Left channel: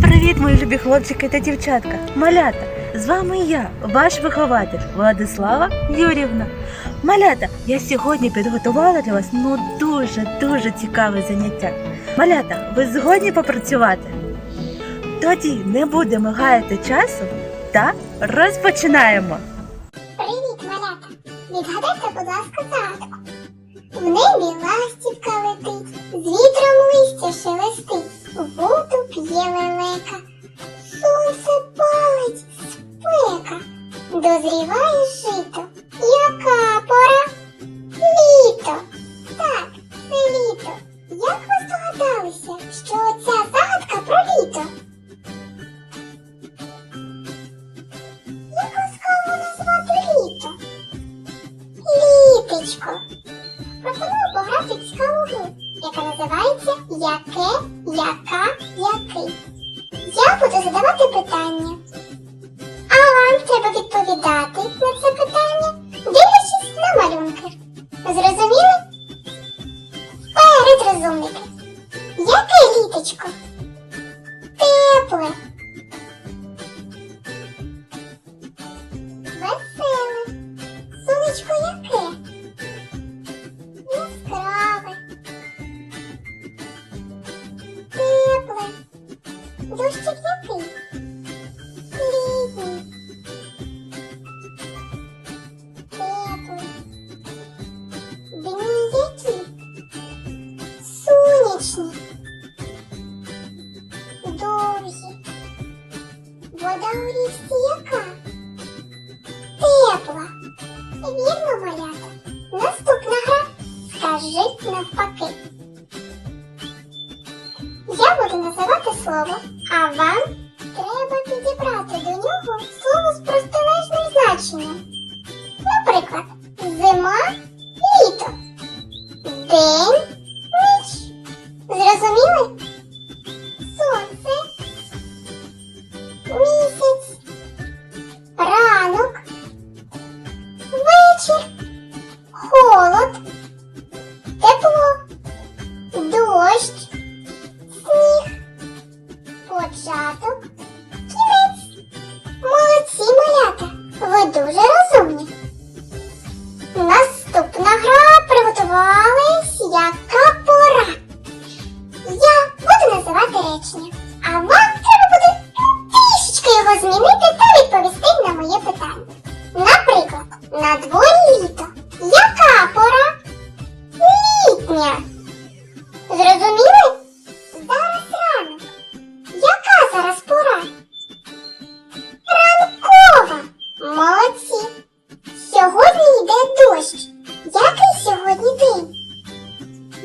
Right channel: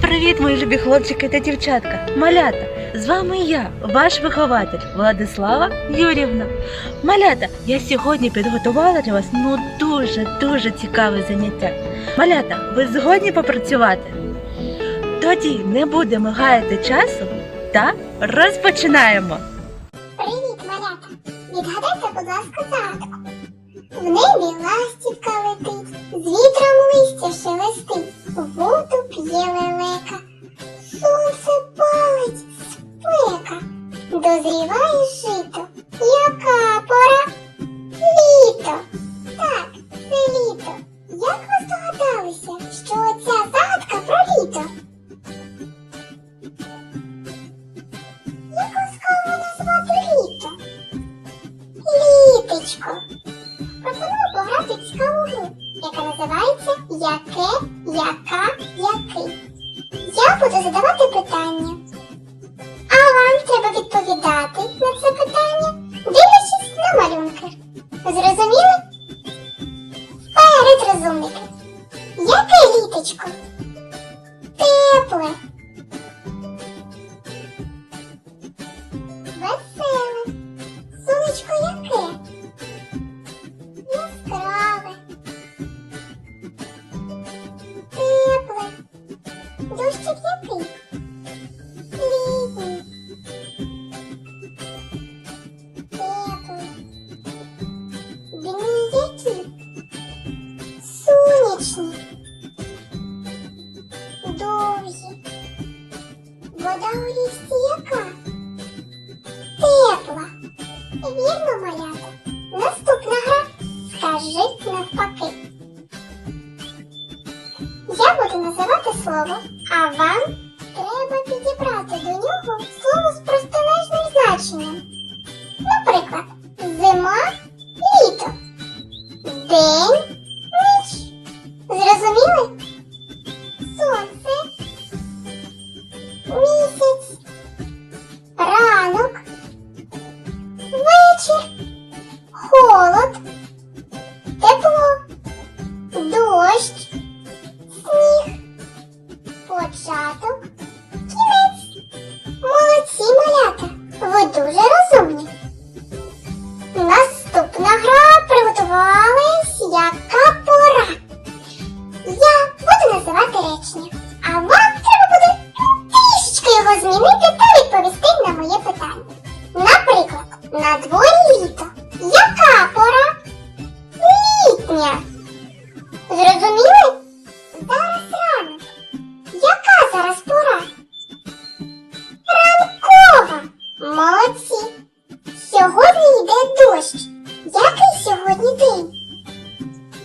Привіт, мої любі хлопчики та дівчатка, малята! З вами я, ваш вихователь Владислава Юрівна. Малята, я сьогодні підготувала для вас ну дуже дуже цікаве заняття. Малята, ви згодні попрацювати? Тоді не будемо гаяти часу та розпочинаємо. Привіт, малята! Відгадайте, будь ласка, загадку. В небі летить, з вітром листя шелестить, воду п'є лелека, сонце палить спека, дозріває жито. Яка пора? Літо! Так, літо. Як гру, яка називається Яке, яка, який. Я буду задавати питання. А вам треба відповідати на це питання, дивлячись на малюнки. Зрозуміли? Вперед, розумники. Яке літочко? Тепле. Сонячні. Довгі. Вода у річці яка? Тепла. Вірно, малята. Наступна гра. Скажіть навпаки. Я буду називати слово, А вам? Треба підібрати. До нього слово з дуже розумні. Наступна гра приготувалась яка пора. Я буду називати речення, а вам треба буде трішечки його змінити та дощ. Який сьогодні день?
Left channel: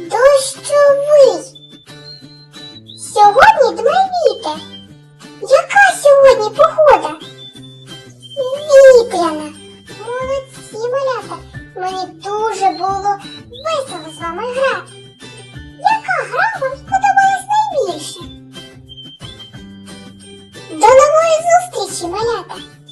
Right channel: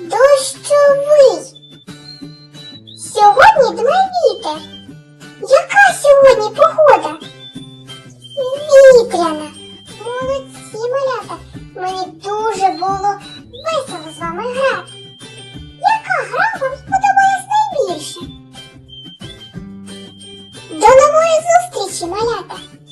Дощовий. Сьогодні дме вітер. Яка сьогодні погода? Вітряна. Молодці малята. Мені дуже було весело з вами грати. Яка гра вам сподобалась найбільше? До нової зустрічі, малята!